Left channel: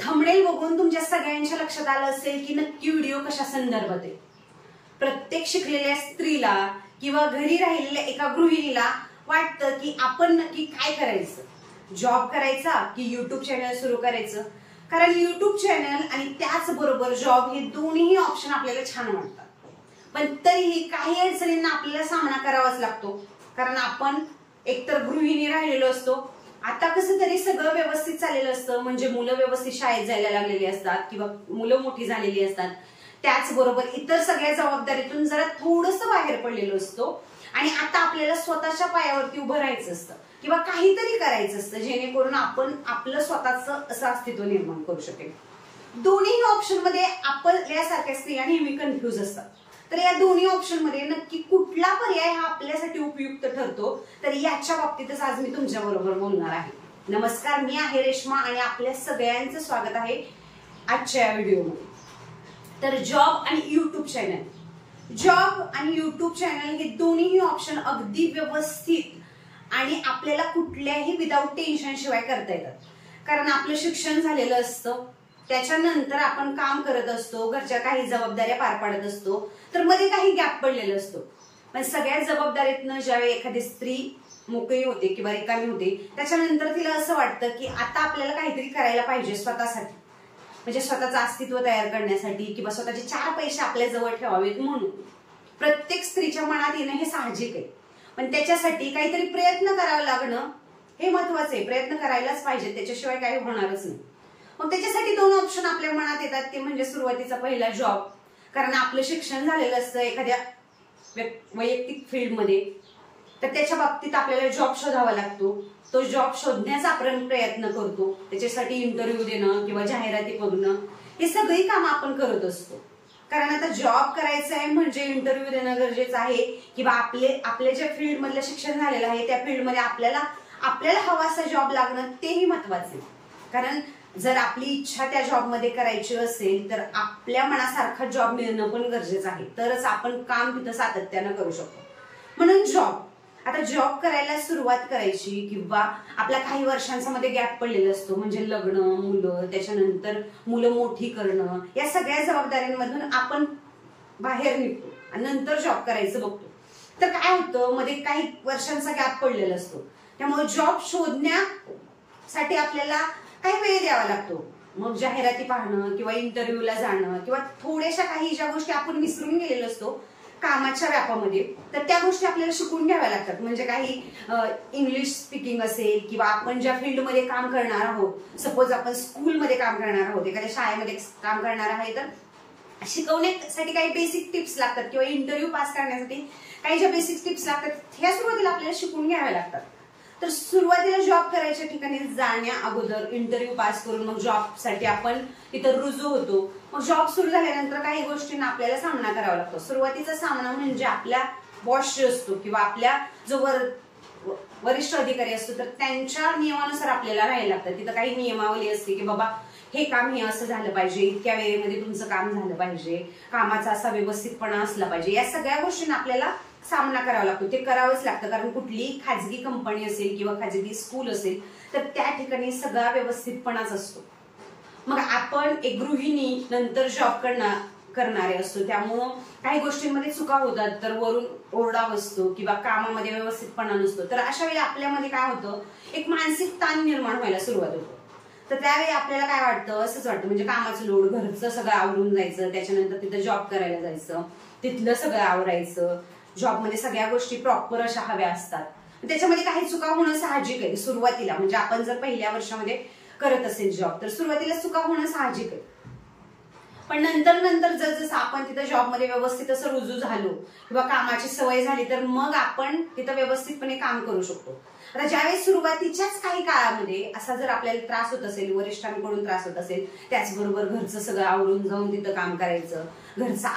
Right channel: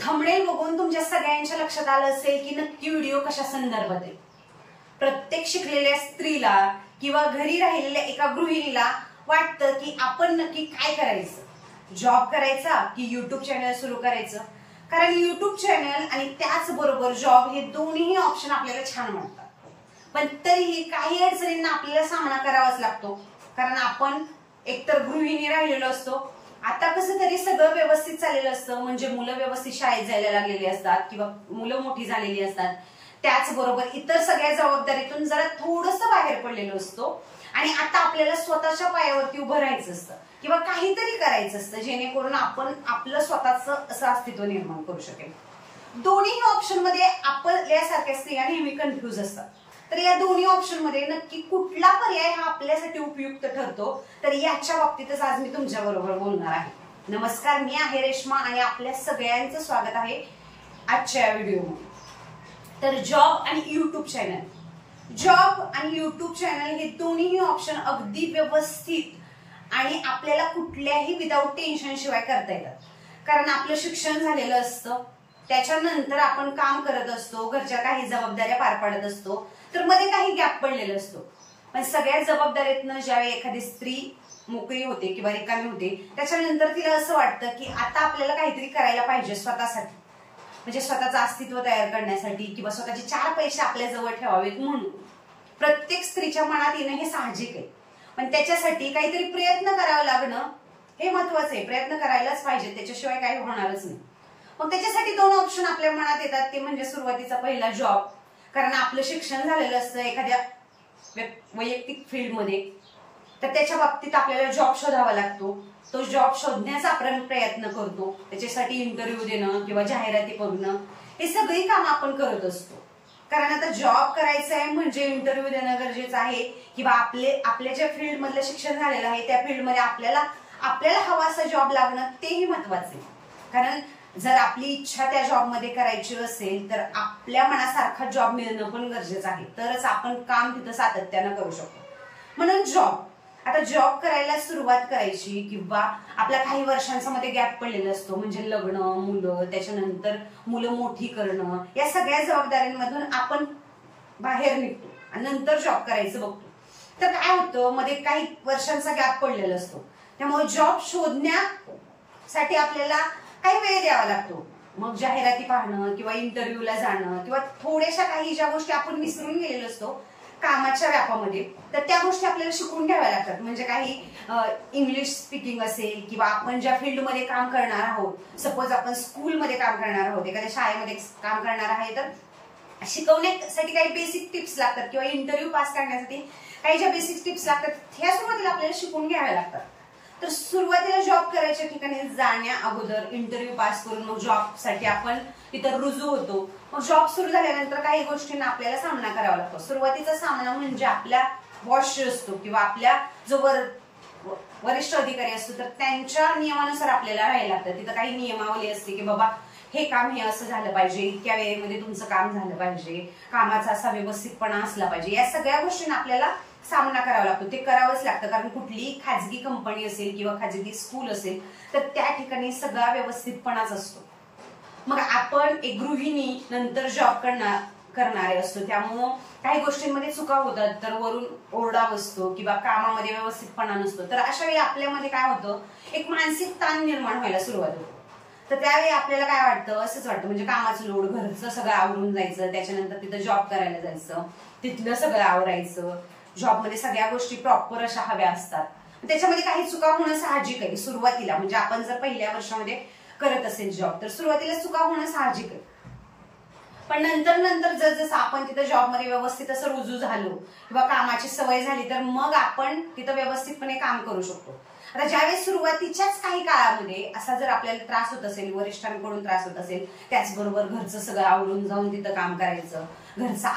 Thumbnail बघून तुमच्या सगळ्यांच्या लक्षात आलं असेल की नक्की व्हिडिओ कशा संदर्भात आहे। प्रत्येक शिकलेल्या स्त्रीला किंवा घरी राहिलेल्या एका गृहिणीला वाटतं की आपण नक्की काय करायचं, जॉब करायचा की युट्यूब चॅनल सुरू करायचं। कारण युट्यूब चॅनल आणि त्याचबरोबर जॉब हे दोन्ही ऑप्शन आपल्याला छान वाटतात, पण तरीही काही अडचणींना आपल्याला सामना करावाच लागतो। कारण आपण एकतर गृहिणी राहिलेलो असतो, आता कसं तरी सगळं व्यवस्थित चाललेलं असतं, म्हणजे मुलं व्यवस्थित शाळेत जायला लागलेली असतात किंवा मुलं मोठी झालेली असतात, त्याचबरोबर इतर सगळ्या जबाबदारीतून जरा थोडंसं बाहेर पडलेलो असतो आणि आता आपल्याला स्वतःच्या पायावरती उभं राहायचं असतं किंवा काहीतरी करायचं असतं जेणेकरून आपण आपलं स्वतःचं असं अस्तित्व निर्माण करू शकेल। दोन्ही ऑप्शन मध्ये आपल्यासारख्या स्त्रिया नेहमी कन्फ्युज असतात, तर या दोन्ही ऑप्शन मध्ये नक्की कुठला पर्याय हा आपल्यासाठी उपयुक्त ठरतो, तर याच्या बाबतीतच आज मी तुमच्या बरोबर बोलणार आहे। नमस्कार, मी आहे रेश्मा आणि आपल्या सगळ्यांचं स्वागत आहे आजच्या व्हिडिओमध्ये। तर जॉब आणि युट्यूब चॅनल, जॉब आणि युट्यूब चॅनल हे दोन्ही ऑप्शन अगदी व्यवस्थित आणि आपल्याला कुठल्याही विदाऊट टेन्शन शिवाय करता येतात। कारण आपलं शिक्षण झालेलं असतं, त्याच्यानंतर आपण काम करत असतो, घरच्या काही जबाबदाऱ्या पार पाडत असतो, तर मध्ये काही गॅप पडलेला असतो। पण सगळ्या जबाबदारीतनं ज्यावेळी एखादी स्त्री मोकळी होते किंवा रिकामी होते, त्याच्यानंतर तिला असं वाटतं की आता आपल्याला काहीतरी करायला पाहिजे स्वतःसाठी, म्हणजे स्वतःचं अस्तित्व तयार करण्यासाठी किंवा स्वतःचे 4 पैसे आपल्या जवळ ठेवावेत म्हणून। प्रत्येक स्त्रीच्या मनात येणं हे साहजिक आहे, पण त्याच्यासाठी काहीतरी प्रयत्न करावा लागणं हे महत्वाचं आहे। प्रयत्न करायलाच पाहिजे, त्याच्याशिवाय काही होणारच नाही। मग त्याच्यासाठी 2 ऑप्शन आपल्या मनात येतात, ते म्हणजे सुरुवातीचा पहिला जॉब, कारण आपलं शिक्षण झालेलं असतं एखाद्या वैयक्तिक फील्डमध्ये, तर त्याच्या बाबतीत आपल्याला जॉब शोधावा लागतो। तो जॉब शोधण्याचा आपण प्रयत्न करतो, त्याच्यासाठी इंटरव्ह्यू देणं किंवा जाहिराती बघणं हे सगळी कामं आपण करत असतो। कारण आता जॉब करायचं आहे म्हणजे इंटरव्ह्यू देणं गरजेचं आहे किंवा आपल्या ज्या फील्ड मधलं शिक्षण झालेलं आहे त्या फील्डमध्ये आपल्याला हवा असा जॉब लागणं तेही महत्वाचं आहे। कारण जर आपली इच्छा त्या जॉबमध्ये करायची असेल तर आपल्या मनासारखा जॉब मिळणं पण गरजेचं आहे, तरच आपण काम तिथं सातत्यानं करू शकतो। म्हणून जॉब, आता जॉब करायला सुरुवात करायची किंवा आपला काही वर्षांचा मध्ये गॅप पडलेला असतो, म्हणजे लग्न, मुलं, त्याच्यानंतर मुलं मोठी करणं, या सगळ्या जबाबदाऱ्यांमधून आपण बाहेर निघतो आणि नंतर जॉब करायचं बघतो। तर काय होतं, मध्ये काही वर्षांचा गॅप पडलेला असतो, त्यामुळे जॉब शोधण्यासाठी आपल्याला काही वेळ द्यावा लागतो। मग जाहिराती पाहणं किंवा इंटरव्ह्यूला जाणं किंवा थोड्याशा काही ज्या गोष्टी आपण विसरून गेलेलो असतो कामाच्या व्यापामध्ये, तर त्या गोष्टी आपल्याला शिकून घ्याव्या लागतात। म्हणजे काही इंग्लिश स्पीकिंग असेल किंवा आपण ज्या फील्डमध्ये काम करणार आहोत, सपोज आपण स्कूलमध्ये काम करणार आहोत, एखाद्या शाळेमध्ये काम करणार आहे, तर शिकवण्यासाठी काही बेसिक टिप्स लागतात किंवा इंटरव्ह्यू पास करण्यासाठी काही ज्या बेसिक टिप्स लागतात, ह्या सुरुवातीला आपल्याला शिकून घ्याव्या लागतात। तर सुरुवातीला जॉब करायच्या ठिकाणी जाण्या अगोदर इंटरव्ह्यू पास करून मग जॉबसाठी आपण तिथं रुजू होतो। मग जॉब सुरू झाल्यानंतर काही गोष्टींना आपल्याला सामना करावा लागतो। सुरुवातीचा सामना म्हणजे आपल्या बॉस असतो किंवा आपल्या जो वरिष्ठ अधिकारी असतो, तर त्यांच्या नियमानुसार आपल्याला राहायला लागतं। तिथं काही नियमावली असते की बाबा हे काम हे असं झालं पाहिजे, इतक्या वेळेमध्ये तुमचं काम झालं पाहिजे, कामाचा असा व्यवस्थितपणा असला पाहिजे, या सगळ्या गोष्टींना आपल्याला सामना करावा लागतो। ते करावंच लागतं, कारण कुठलीही खाजगी कंपनी असेल किंवा खाजगी स्कूल असेल तर त्या ठिकाणी सगळा व्यवस्थितपणाच असतो। मग आपण एक गृहिणी नंतर जॉब करणारे असतो, त्यामुळं काही गोष्टींमध्ये चुका होतात, तर वरून ओरडा बसतो किंवा कामामध्ये व्यवस्थितपणा नसतो। तर अशा वेळी आपल्यामध्ये काय होतं, एक मानसिक ताण निर्माण व्हायला सुरुवात होतो। तर त्यावेळी आपल्याला काय वाटतं, असंच वाटतं, म्हणजे कामाचं लोड, घरचं सगळं आवरून जायचं, त्याच्यानंतर तिथं जॉब करायला जायचं, तिथलं सगळं आवरायचं, जॉबमध्ये सगळ्या गोष्टी प्रॉपर अशा हव्या असतात, त्याच्यामध्ये काही चुका होणं साहजिक आहे सुरुवातीला। म्हणजे आपण जर पहिल्या वर्षामध्ये करत असेल जॉब, तर सुरुवातीला चुका होणं साहजिक आहे, पण नंतर जसं आपण तिथं जॉबमध्ये व्यवस्थित असं रुजू झालो किंवा कामाची सवय झाली, तर मग आपण तिथं व्यवस्थितपणे काम करू शकतो। आता ज्यावेळेस सुरुवातीच्याच काही काळामध्ये असा जर आपल्याला त्रास होत असेल, वरिष्ठांकडून त्रास होत असेल, त्याचबरोबर घरचं सगळं आवरून जाऊन तिथं काम करायचं, घरचं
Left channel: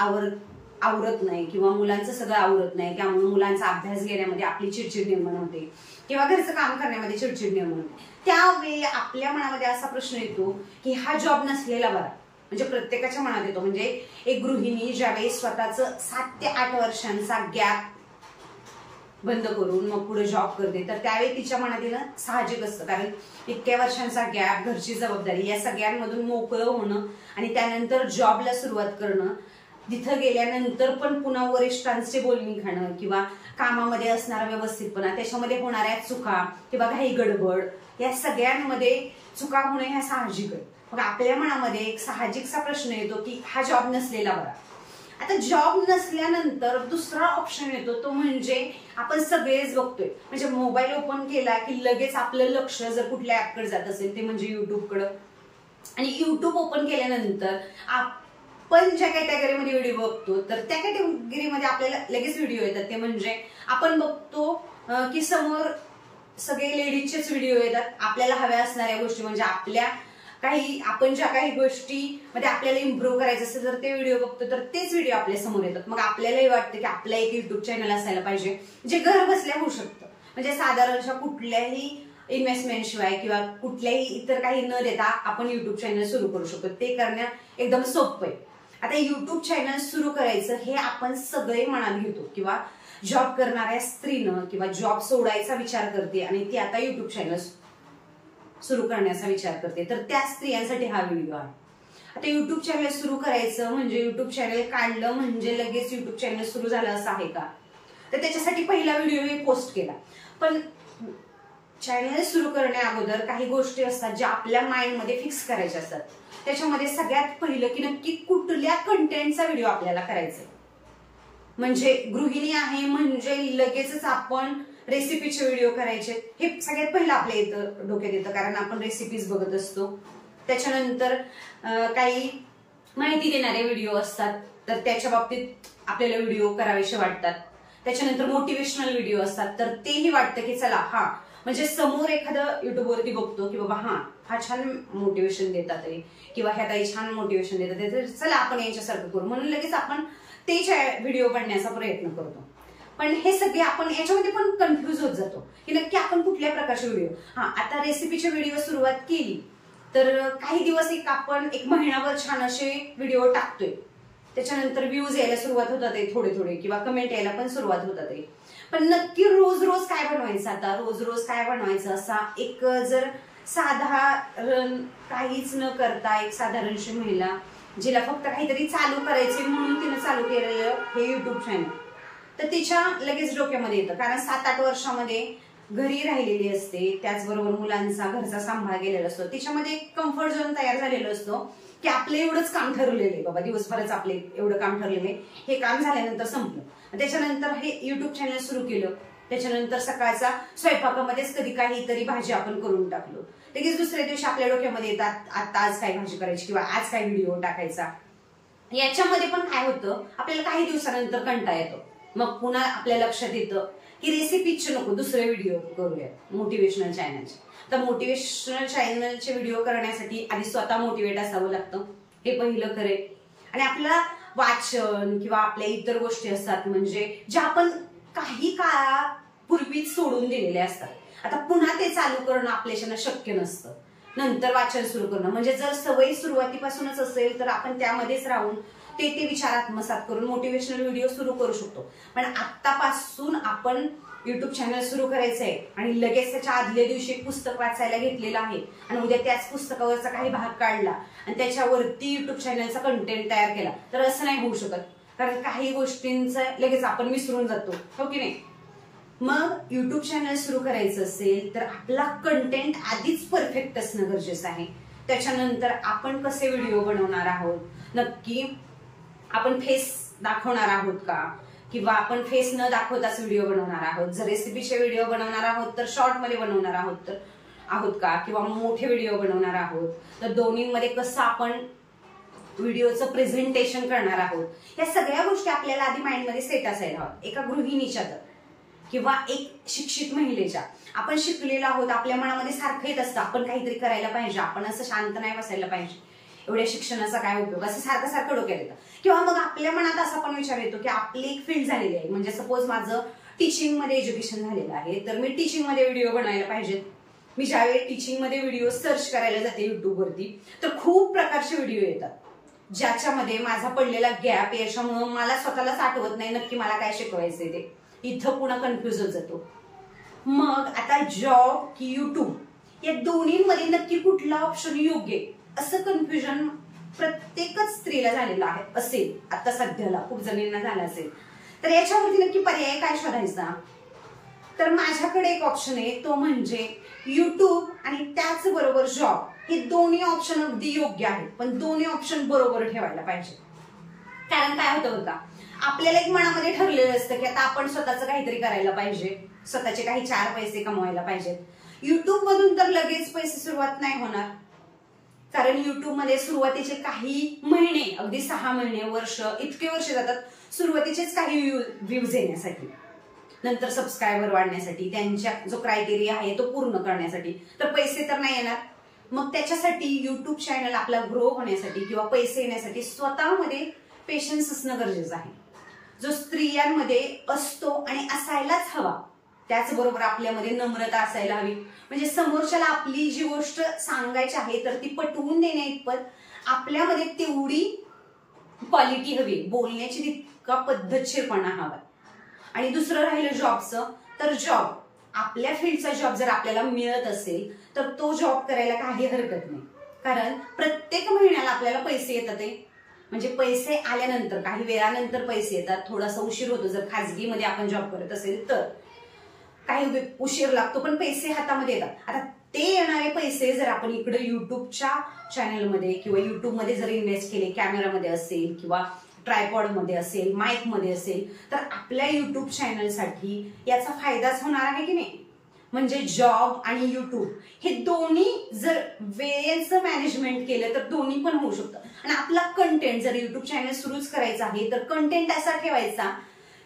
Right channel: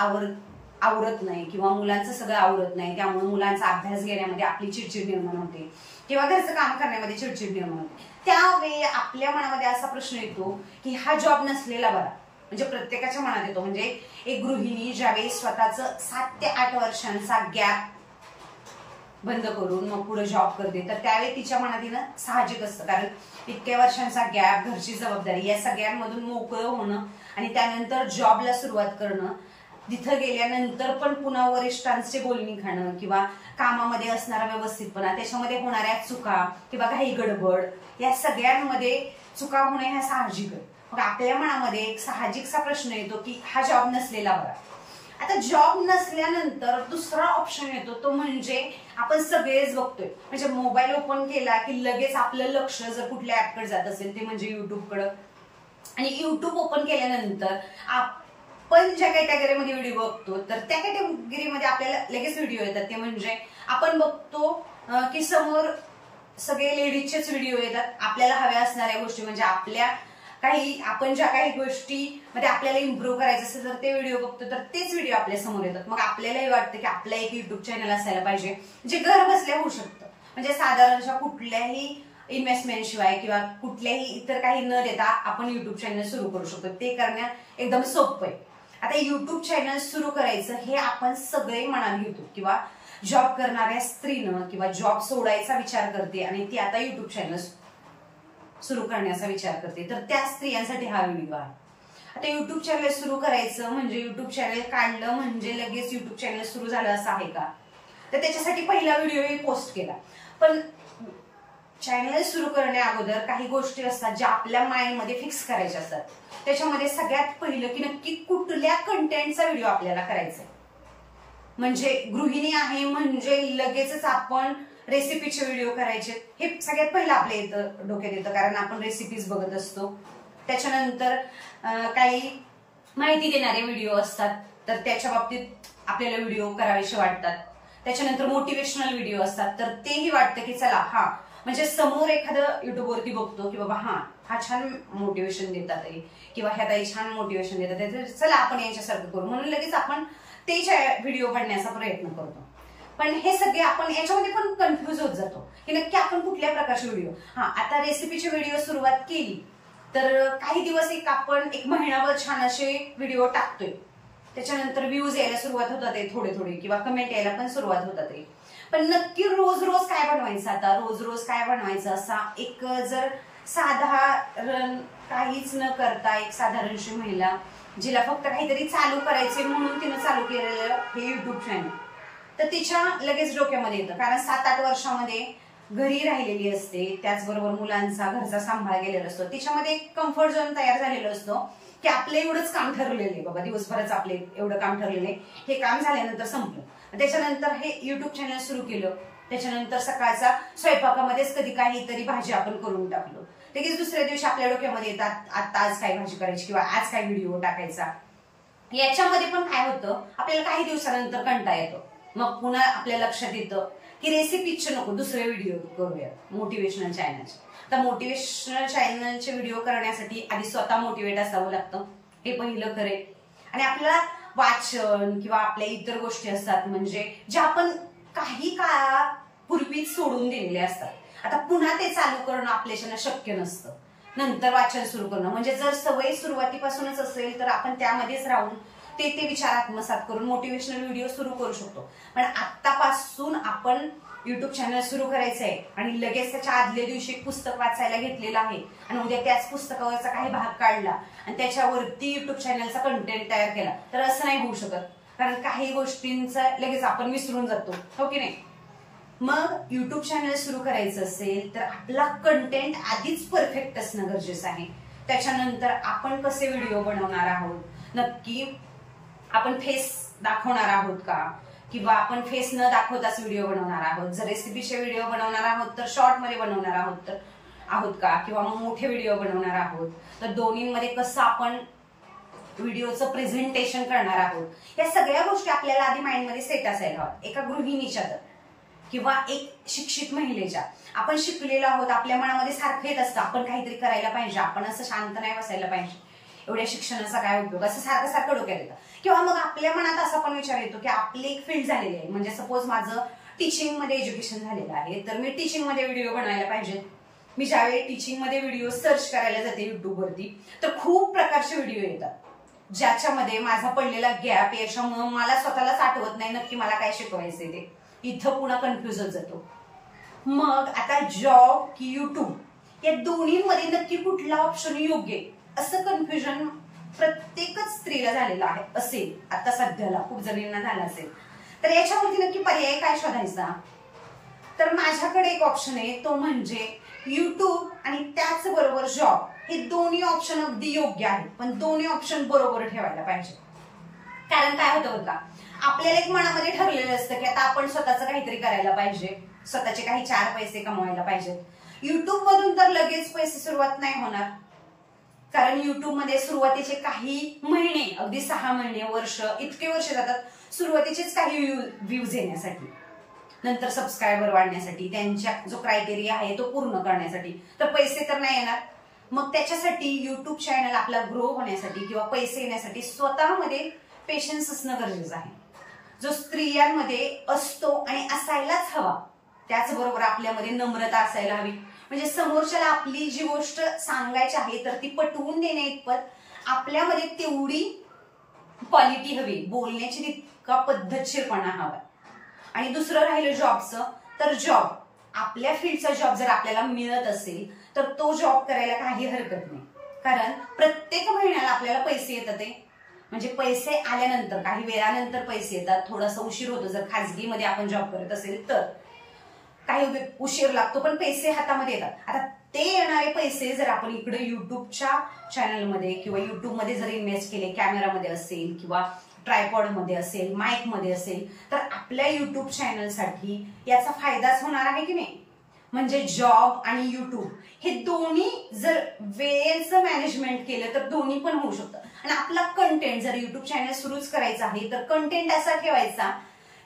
आवरत नाही किंवा मुलांचं सगळं आवरत नाही, त्यामुळे मुलांचा अभ्यास घेण्यामध्ये आपली चिडचिड निर्माण होते किंवा घरचं काम करण्यामध्ये चिडचिड निर्माण होते, त्यावेळी आपल्या मनामध्ये असा प्रश्न येतो की हा जॉब नसलेला बरा। म्हणजे प्रत्येकाच्या मनात येतो, म्हणजे एक गृहिणी ज्यावेळी स्वतःचं 7 ते 8 वर्षांचा गॅप बंद करून मग पुढे जॉब करते, तर त्यावेळी तिच्या मनात येणं साहजिक असतं, कारण इतक्या वर्षांचा गॅप, घरची जबाबदारी, या सगळ्यांमधून मोकळं होणं आणि त्यानंतर जॉबला सुरुवात करणं, तिथं गेल्यानंतर पण पुन्हा वरिष्ठांचे बोलणी खाणं किंवा कामामध्ये असणारा व्यवस्थितपणा, त्याच्यामध्ये होणाऱ्या चुका किंवा काही गडबड, या सगळ्यांमध्ये चुका होणे ह्या साहजिक आहे. मग आपल्या मनामध्ये एक साहजिकचा प्रश्न येतो की हा जॉब नसलेला बरा. आता जॉब नसल्यानंतर दुसरा ऑप्शन येतो, तो म्हणजे आपण सगळेच बघतोय, म्हणजे मोबाईल ओपन केला की लगेच आपलं लक्ष जर कुठल्या ऍपकडे जात असेल ते म्हणजे युट्यूबकडं. आणि युट्यूब ओपन केल्यानंतर आपण ज्या कॅटेगरीमध्ये व्हिडिओ बघतो तर त्या कॅटेगरीमध्ये आपल्याला लगेच व्हिडिओ येतात. ते म्हणजे आपण बघतो की समोर सगळे लेडीजचेच व्हिडिओ येतात, आपल्याला हव्या असणाऱ्या गोष्टी, म्हणजे आपण ज्या काही गोष्टीमध्ये आपल्याला इम्प्रूव्ह करायचं असेल तर ते व्हिडिओ बघतो, तर तेच व्हिडिओ आपल्या समोर येतात. मग आपल्यालाही वाटतं की आपलं एक युट्यूब चॅनल असायला पाहिजे, जे घर बसल्या होऊ शकतं, म्हणजे साधारणशः कुठल्याही इन्व्हेस्टमेंट शिवाय किंवा कुठल्याही इतर काही न देता आपण युट्यूब चॅनल सुरू करू शकतो. ते करणं एकदम सोपं आहे. आता युट्यूब चॅनल सुरू करायचं हे आपण सगळे मनात घेतो, किंवा जॉब करणाऱ्या स्त्रीनं किंवा जॉब सोडायचा विचार करते आणि ती आता युट्यूब चॅनल सुरू करण्याचा विचार करते, तर त्या स्त्रियांसाठी हा व्हिडिओ आहे. आता युट्यूब चॅनल सुरू करायचं म्हणजे युट्यूब चॅनल काढलं म्हणजे लगेच युट्यूब चॅनल सुरू झालं असं आहे का? तर त्याच्यासाठी पहिला व्हिडिओ पोस्ट केला. पण चॅनल सुरू करण्या अगोदर काही गोष्टी असतात ज्या आपल्या माइंडमध्ये फिक्स करायच्या असतात. त्याच्यामध्ये सगळ्यात पहिलं की नक्की कुठल्या कंटेंटचा व्हिडिओ आपल्याला करायचा आहे. म्हणजे गृहिणी आहे म्हणजे लगेचच आपण रेसिपीचे व्हिडिओ करायचे, हे सगळ्यात पहिलं आपल्या डोक्यात येतं, कारण आपण रेसिपीज बघत असतो. त्याच्यानंतर काही माहिती देणारे व्हिडिओ असतात, तर त्याच्या बाबतीत आपल्याला व्हिडिओ करावेसे वाटतात. त्याच्यानंतर मोटिवेशनल व्हिडिओ असतात, तर तेही वाटतं की चला म्हणजे समोर एखादं युट्यूबवरती बघतो की बाबा हा छान मोटिवेशन देतात आहे किंवा ह्या ताई छान मोटिवेशन देतात आहे, तर चला आपण यांच्यासारखं करू, म्हणून लगेच आपण ते व्हिडिओ बनण्याचा प्रयत्न करतो. पण हे सगळे आपण याच्यामध्ये पण कन्फ्युज होत जातो की नक्की आपण कुठल्या प्रकारचे व्हिडिओ. आता रेसिपीचे व्हिडिओ सुरुवात केली तर काही दिवस आपण एक महिनाभर छान असे व्हिडिओ टाकतोय, त्याच्यानंतर व्ह्यूज यायला सुरुवात होतात आहे थोडे किंवा कमेंट यायला पण सुरुवात होतात आहे. पण नक्की रोज रोज काय बनवायचं, आता रोज रोज काय बनवायचं असा एक जर साधारण काहीच न करता एक साधारणशी महिला जिला फक्त काहीतरी चालू करायचे म्हणून तिने चालू केलेलं हे युट्यूब चॅनल, तर तिच्या लगेच डोक्यामध्ये येतं, कारण 7-8 वर्षामध्ये घरी राहिलेली असते, त्याचबरोबर मुलांचा घरचा सांभाळ गेलेला असतो, तिच्यामध्ये एक कम्फर्ट झोन तयार झालेला असतो की आपलं एवढंच काम ठरलेलं आहे बाबा, दिवसभराच आपले एवढं काम ठरलेलं आहे, हे काम झाल्यानंतर संपलं. त्याच्यानंतर हे युट्यूब चॅनल सुरू केलं, त्याच्यानंतर सकाळचा स्वयंपाकामध्येच कधी काहीतरी भाजी आपण करून टाकलो, लगेच दुसऱ्या दिवशी आपल्या डोक्यामध्ये येतात आता आज काय भाजी करायची किंवा आज काय व्हिडिओ टाकायचा. याच्यामध्ये पण काय होतं, आपल्याला काही दिवसानंतर कंटाळा येतो, मग पुन्हा आपल्या लक्षात येतं की रेसिपीचे नको दुसरे व्हिडिओ करूयात मोटिवेशनल चॅनलचे. तर मोटिवेशनल चॅनलचे व्हिडिओ करण्यासाठी आधी स्वतः मोटिवेट असावं लागतं, हे पहिलं खरे. आणि आपल्याला वाचन किंवा आपल्या इतर गोष्टी असतात म्हणजे ज्या आपण काही काळापूर्वीच सोडून दिलेल्या असतात, आता पुन्हा ते चालू करणं आपल्याच्यानं शक्य नसतं. नंतर वाचन सुरू करणं म्हणजे जर सवय सुरुवातीपासूनच असेल तर आपण त्यामध्येच राहून ते विचार आत्मसात करून मोटिवेशनल व्हिडिओ सुरू करू शकतो. पण आतापासून आपण युट्यूब चॅनल सुरू करायचं आहे आणि लगेच त्याच्या आदल्या दिवशी एक पुस्तक वाचायला घेतलेलं आहे आणि उद्या त्याच पुस्तकावरचा काही भाग काढला आणि त्याच्यावरती युट्यूब चॅनलचा कंटेंट तयार केला, तर असं नाही होऊ शकत, कारण काही गोष्टींचं लगेच आपण विसरून जातो, हो की नाही. मग युट्यूब चॅनल सुरू करायचं असेल तर आपला कंटेंट आधीच परफेक्ट असणं गरजेचं आहे. त्याच्यानंतर आपण कसे व्हिडिओ बनवणार आहोत, नक्की आपण फेस दाखवणार आहोत का, किंवा आपण फेस न दाखवताच व्हिडिओ बनवणार आहोत. जर रेसिपीचे व्हिडिओ बनवणार आहोत तर शॉर्ट मध्ये बनवणार आहोत का, किंवा मोठे व्हिडिओ बनवणार आहोत, तर दोन्हीमध्ये कसं आपण व्हिडिओचं प्रेझेंटेशन करणार आहोत, या सगळ्या गोष्टी आपल्याला आधी माइंडमध्ये सेट असायला हव्यात. एका गृहिणीच्या तर किंवा एक शिक्षित महिलेच्या, आपण शिकलेलो आहोत, आपल्या मनामध्ये सारखं येत असतं आपण काहीतरी करायला पाहिजे, आपण असं शांत नाही बसायला पाहिजे, एवढ्या शिक्षणाचा काय उपयोग, असं सारखं डोक्यात येतं. किंवा मग आपल्या मनात असा पण विचार येतो की आपली एक फील्ड झालेली आहे, म्हणजे सपोज माझं टीचिंग मध्ये एज्युकेशन झालेलं आहे, तर मी टीचिंग मध्ये व्हिडिओ बनवायला पाहिजेत. मी ज्यावेळी टीचिंग मध्ये व्हिडिओ सर्च करायला जाते युट्यूबवरती, तर खूप प्रकारचे व्हिडिओ येतात ज्याच्यामध्ये माझा पडलेला गॅप याच्यामुळे मला स्वतःलाच आठवत नाही नक्की मला काय शिकवायचंय ते. इथं पुन्हा कन्फ्युज होत जातो. मग आता जॉब की युट्यूब या दोन्हीमध्ये नक्की कुठला ऑप्शन योग्य आहे असं कन्फ्युजन प्रत्येकच स्त्रीला झालेलं आहे असेल, आता सध्याला खूप जणींना झालं असेल. तर याच्यावरती नक्की पर्याय काय शोधायचा? तर माझ्याकडे एक ऑप्शन आहे, तो म्हणजे युट्यूब आणि त्याचबरोबर जॉब. हे दोन्ही ऑप्शन अगदी योग्य आहेत, पण दोन्ही ऑप्शन बरोबर ठेवायला पाहिजे. कारण काय होतं बरं का, आपल्याला एक मनामध्ये ठरलेलं असतं की आता आपण स्वतःचं काहीतरी करायला पाहिजे, स्वतःचे काही 4 पैसे कमवायला पाहिजेत. युट्यूब मधून तर लगेच पैसे सुरुवात नाही होणार, कारण युट्यूब मध्ये सुरुवातीचे काही महिने, अगदी 6 महिने, वर्ष, इतके वर्ष जातात सुरुवातीचेच काही व्ह्यूज येण्यासाठी, नंतर सबस्क्रायबर वाढण्यासाठी, त्यांच्या जो क्रायटेरिया आहे तो पूर्ण करण्यासाठी. तर पैसे तर नाही येणार. मग त्याच्यासाठी युट्यूब चॅनल आपला ग्रो होण्यासाठी किंवा पैसे येण्यासाठी स्वतःमध्ये पेशन्स असणं गरजेचं आहे, जो स्त्रियांमध्ये असतो आणि असायलाच हवा. त्याचबरोबर आपल्यामध्ये नम्रता असायला हवी, म्हणजे समोरच्याला आपली जी गोष्ट सांगायची आहे तर ती पटवून देण्याइतपत आपल्यामध्ये तेवढी क्वालिटी हवी, बोलण्याची तितका पद्धतशीरपणा हवा. आणि दुसरं राहिलं जॉबचं, तर जॉब, आपल्या फील्डचा जॉब जर आपल्याला मिळत असेल तर तो जॉब करायला काही हरकत नाही, कारण प्रत्येक महिन्याला आपल्याला पैसे येतात. म्हणजे पैसे आल्यानंतर काही वेळानंतर पैसे येतात, थोडासा उशीर होतो जर खाजगीमध्ये आपण जॉब करत असेल तर, काही उशीर लागतो, पण पैसे हातामध्ये येतात. आता ते येणारे पैसे जर आपण इकडे युट्यूबच्या चॅनलमध्ये किंवा युट्यूबमध्ये जर इन्व्हेस्ट केले, कॅमेरामध्ये असेल किंवा ट्रायपॉडमध्ये असेल, माईकमध्ये असेल, तर आपल्या युट्यूब चॅनलसाठी याचा फायदाच होणार आहे की नाही. म्हणजे जॉब आणि युट्यूब हे दोन्ही जर वेळेचं मॅनेजमेंट केलं तर दोन्ही पण होऊ शकतं. आणि आपला कंटेंट जर युट्यूब चॅनल सुरूच करायचा आहे तर कंटेंट असा ठेवायचा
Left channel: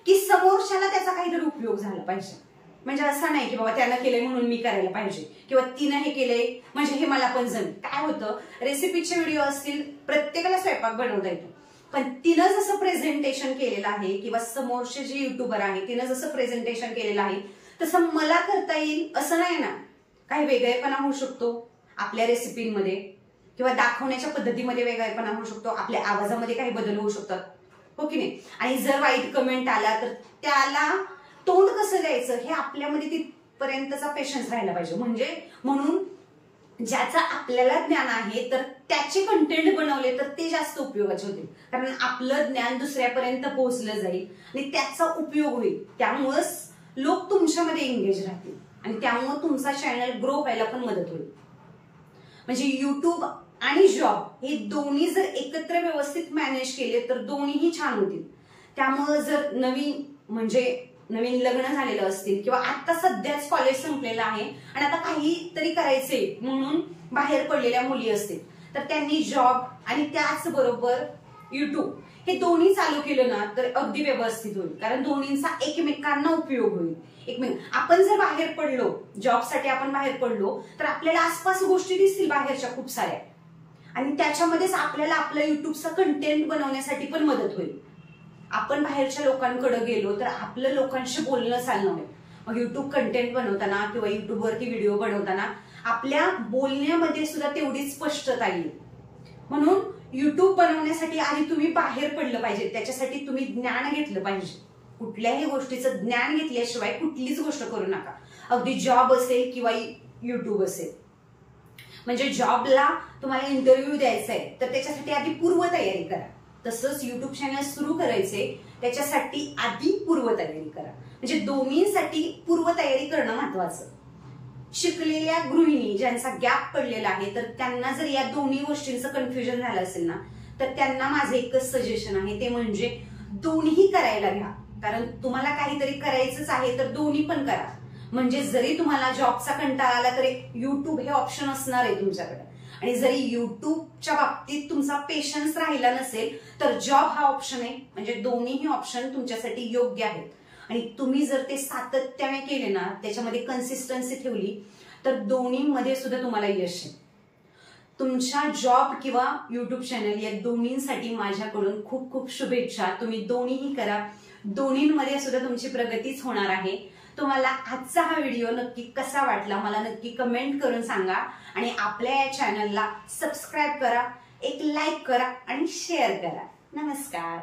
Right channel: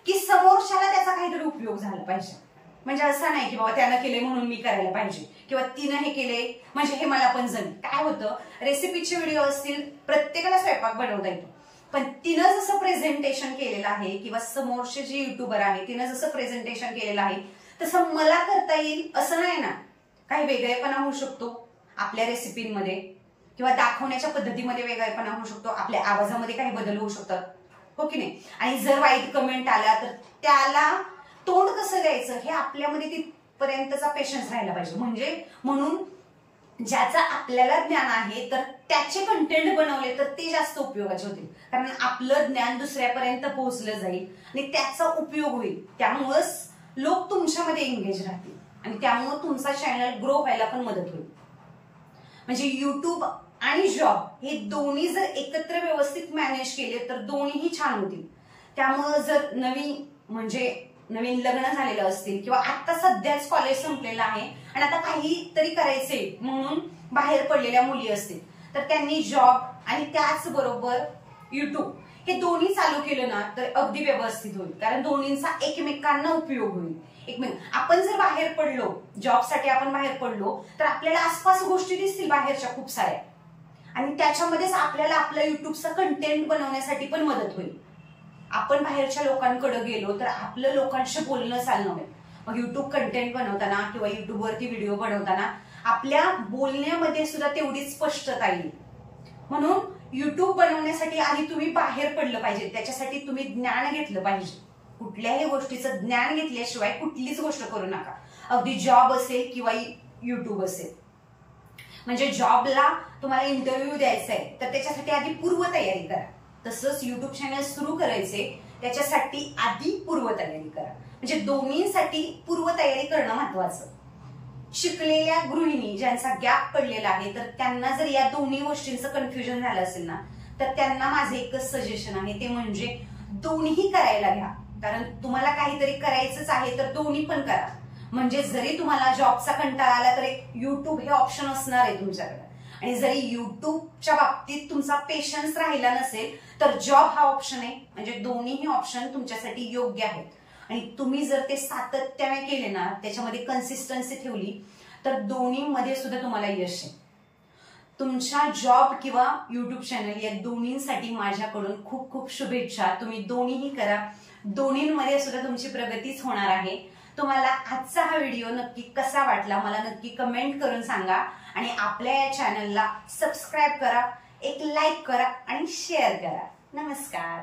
की समोरच्याला त्याचा काहीतरी उपयोग झाला पाहिजे. म्हणजे असं नाही की बाबा त्यानं केलंय म्हणून मी करायला पाहिजे किंवा तिनं हे केलंय म्हणजे हे मला पण जमेल. काय होतं, रेसिपीचे व्हिडिओ असतील, प्रत्येकाला स्वयंपाक बनवता येतो, पण तिनं जसं प्रेझेंटेशन केलेलं आहे किंवा समोरचे जे युट्यूबर आहे तिनं जसं प्रेझेंटेशन केलेलं आहे तसं मला करता येईल असं नाही ना. काही वेगळेपणा होऊ शकतो आपल्या रेसिपीमध्ये किंवा दाखवण्याच्या पद्धतीमध्ये वेगळेपणा होऊ शकतो, आपल्या आवाजामध्ये काही बदल होऊ शकतात, हो की नाही. आणि जर वाईट कमेंट आला तर त्याला तोंड कसं द्यायचं हे आपल्यामध्ये तिथपर्यंतचा पेशन्स राहायला पाहिजे. म्हणून ज्याचा आपल्याला ज्ञान आहे तर त्याचे कंटेंट बनवले तर ते जास्त उपयोगाचे होतील, कारण आपलं ज्ञान दुसऱ्यापर्यंत पोहोचलं जाईल आणि त्याचा उपयोग होईल. त्यामुळेच लोक तुमच्यामध्ये एंगेज राहतील आणि त्यामुळे तुमचा चॅनल ग्रो व्हायला पण मदत होईल. म्हणजे युट्यूब आणि जॉब हे दोन्ही जर एकत्र व्यवस्थित मॅनेज केले तर दोन्हीही छान होतील. त्यामुळे जर नवीन लग्न झालेलं असतील किंवा आता सध्याच कॉलेज संपलेलं आहे आणि आता काहीतरी करायचे म्हणून बाहेर पडलेल्या मुली असतील तर त्यांनी जॉब आणि त्याचबरोबर युट्यूब हे दोन्ही चालू केलं ना तर अगदी व्यवस्थित होईल, कारण दोन्हींचा एकमेकांना उपयोग होईल. आपण जर बाहेर पडलो, जॉबसाठी आपण बाहेर पडलो तर आपल्याला आसपास गोष्टी दिसतील बाहेरच्या खूप साऱ्या, आणि त्याच्यामध्येच आपल्याला आपलं युट्यूबचं कंटेंट बनवण्यासाठी पण मदत होईल. आपण बाहेरच्या लोकांकडे गेलो तर आपलं लोकांशी बोलणं चालणं होईल. मग युट्यूब कंटेंट बनवताना किंवा युट्यूबवरती व्हिडिओ बनवताना आपल्या बोलण्यामध्ये सुद्धा तेवढी स्पष्टता येईल. म्हणून युट्यूब बनवण्यासाठी आधी तुम्ही बाहेर पडलं पाहिजे, त्याच्यासाठी तुम्ही ज्ञान घेतलं पाहिजे. कुठल्याही गोष्टीचं ज्ञान घेतल्याशिवाय कुठलीच गोष्ट करू नका, अगदी जॉब असेल किंवा युट्यूब असेल. म्हणजे जॉबला तुम्हाला इंटरव्ह्यू द्यायचा आहे तर त्याच्यासाठी आधी पूर्वतयारी करा, तसंच युट्यूब चॅनल सुरू करायचे त्याच्यासाठी आधी पूर्वतयारी करा. म्हणजे दोन्हीसाठी पूर्वतयारी करणं महत्वाचं. शिकलेल्या गृहिणी ज्यांचा गॅप पडलेला आहे तर त्यांना जर या दोन्ही गोष्टींचं कन्फ्युजन झालं असेल ना तर त्यांना माझं एकच सजेशन आहे, ते म्हणजे दोन्ही करायला घ्या. कारण तुम्हाला काहीतरी करायचंच आहे तर दोन्ही पण करा. म्हणजे जरी तुम्हाला जॉबचा कंटाळा आला तरी युट्यूब हे ऑप्शन असणार आहे तुमच्याकडे, आणि जरी युट्यूबच्या बाबतीत तुमचा पेशन्स राहिला नसेल तर जॉब हा ऑप्शन आहे. म्हणजे दोन्हीही ऑप्शन तुमच्यासाठी योग्य आहेत. आणि तुम्ही जर ते सातत्याने केले ना, त्याच्यामध्ये कन्सिस्टन्सी ठेवली तर दोन्हीमध्ये सुद्धा तुम्हाला यश आहे. तुमच्या जॉब किंवा युट्यूब चॅनल या दोन्हींसाठी माझ्याकडून खूप खूप शुभेच्छा. तुम्ही दोन्हीही करा, दोन्हींमध्ये सुद्धा तुमची प्रगतीच होणार आहे. तुम्हाला आजचा हा व्हिडिओ नक्की कसा वाटला मला नक्की कमेंट करून सांगा, आणि आपल्या या चॅनलला सबस्क्राईब करा, एक लाईक करा आणि शेअर करा. नमस्कार.